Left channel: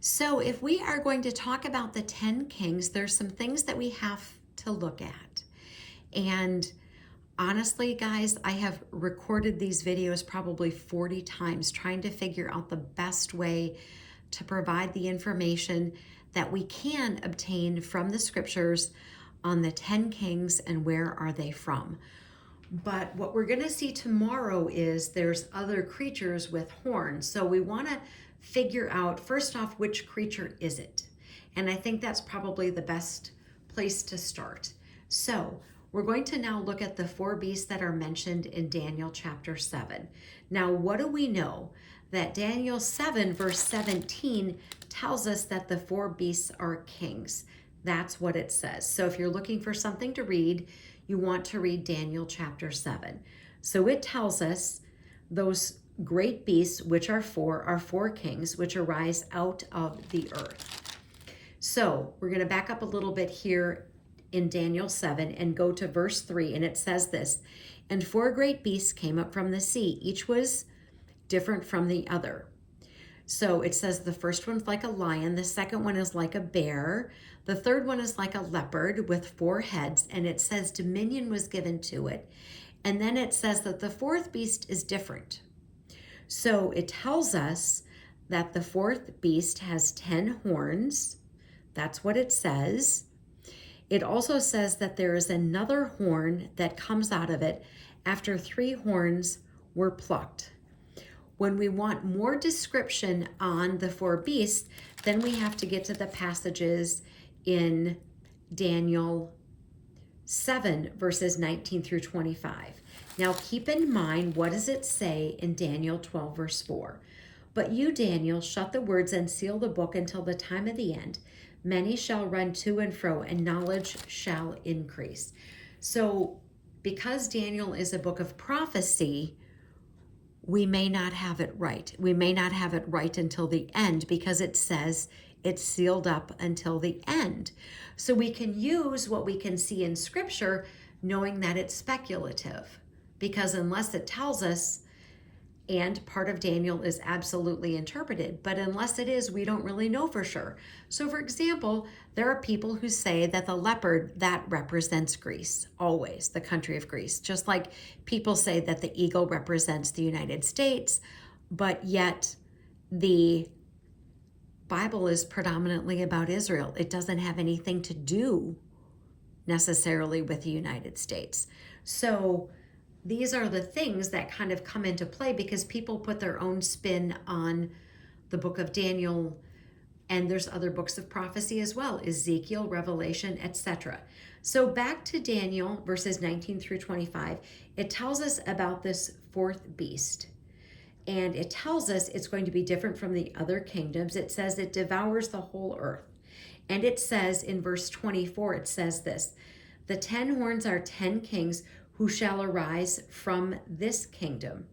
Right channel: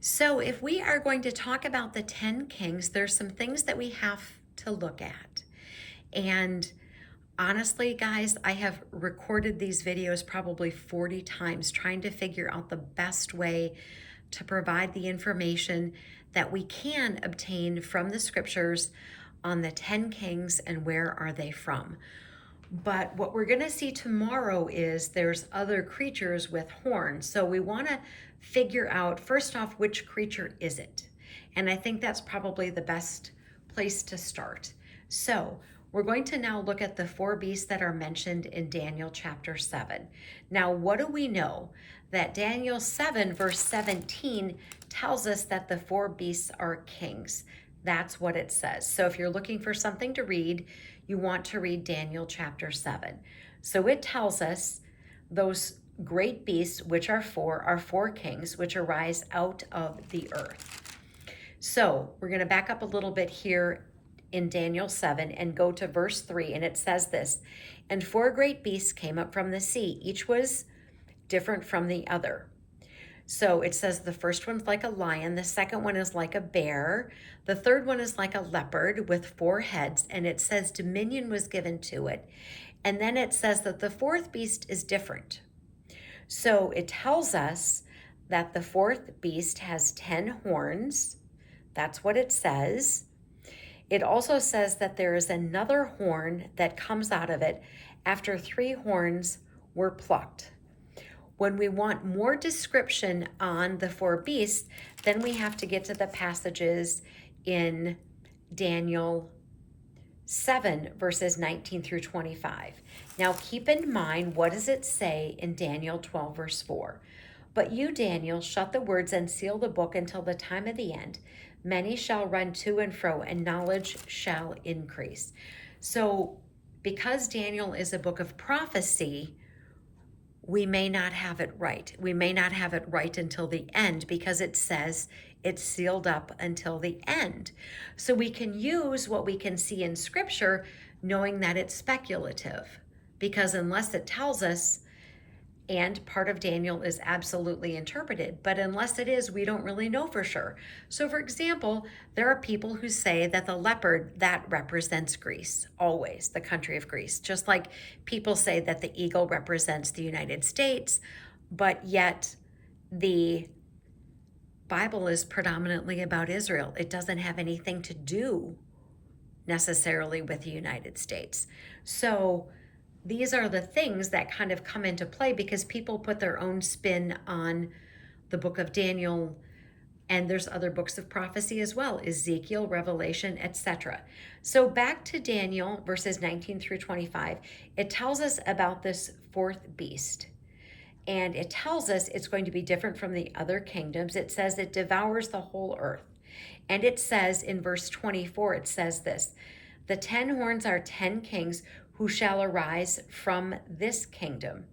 So, if we are going to talk about the 10 kings, there's some things that we have to look at. And honestly, guys, I have recorded these videos probably 40 times trying to figure out the best way to provide the information that we can obtain from the scriptures on the 10 kings and where are they from. But what we're going to see tomorrow is there's other creatures with horns. So we want to figure out, first off, which creature is it? And I think that's probably the best place to start. So we're going to now look at the four beasts that are mentioned in Daniel chapter 7. Now, what do we know? That Daniel 7 verse 17 tells us that the four beasts are kings. That's what it says. So if you're looking for something to read, you want to read Daniel chapter 7. So it tells us those great beasts, which are four kings, which arise out of the earth. So we're going to back up a little bit here in Daniel 7 and go to verse 3, and it says this: "And four great beasts came up from the sea. Each was different from the other." So it says the first one's like a lion, the second one is like a bear, the third one is like a leopard with four heads, and it says dominion was given to it. And then it says that the fourth beast is different. So it tells us that the fourth beast has 10 horns. That's what it says. It also says that there is another horn that comes out of it after 3 horns were plucked. When we want more description on the four beasts, then we have to get to the passages in Daniel 7, verses 19 through 25. Now keep in mind, what does it say in Daniel 12, verse 4? "But you, Daniel, shut the words and seal the book until the time of the end. Many shall run to and fro, and knowledge shall increase." So because Daniel is a book of prophecy, we may not have it right. We may not have it right until the end because it says it's sealed up until the end. So we can use what we can see in scripture knowing that it's speculative, because unless it tells us, and part of Daniel is absolutely interpreted, but unless it is, we don't really know for sure. So for example, there are people who say that the leopard, that represents Greece, always the country of Greece, just like people say that the eagle represents the United States, but yet the Bible is predominantly about Israel. It doesn't have anything to do necessarily with the United States. So these are the things that kind of come into play because people put their own spin on the book of Daniel, and there's other books of prophecy as well, Ezekiel, Revelation, etc. So back to Daniel verses 19 through 25, it tells us about this fourth beast. And it tells us it's going to be different from the other kingdoms. It says it devours the whole earth. And it says in verse 24, it says this: "The 10 horns are 10 kings who shall arise from this kingdom."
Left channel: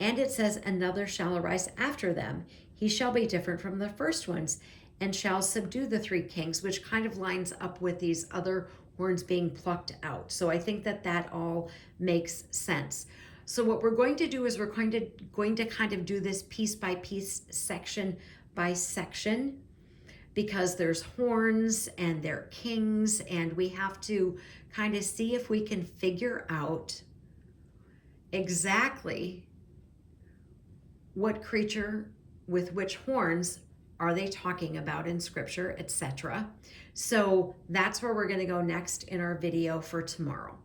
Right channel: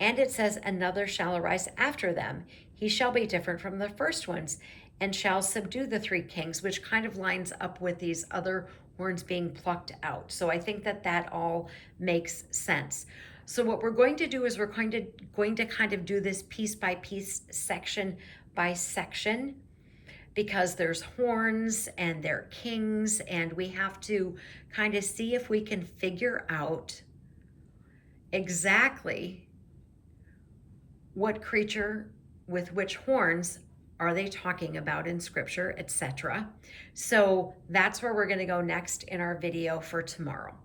And it says, "Another shall arise after them. He shall be different from the first ones and shall subdue the 3 kings," which kind of lines up with these other horns being plucked out. So I think that that all makes sense. So what we're going to do is we're going to kind of do this piece by piece, section by section, because there's horns and they're kings, and we have to kind of see if we can figure out exactly what creature with which horns are they talking about in scripture, etc. So that's where we're going to go next in our video for tomorrow.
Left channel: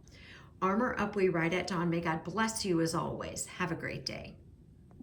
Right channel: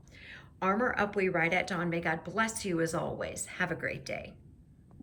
Armor up, we ride at dawn. May God bless you as always. Have a great day.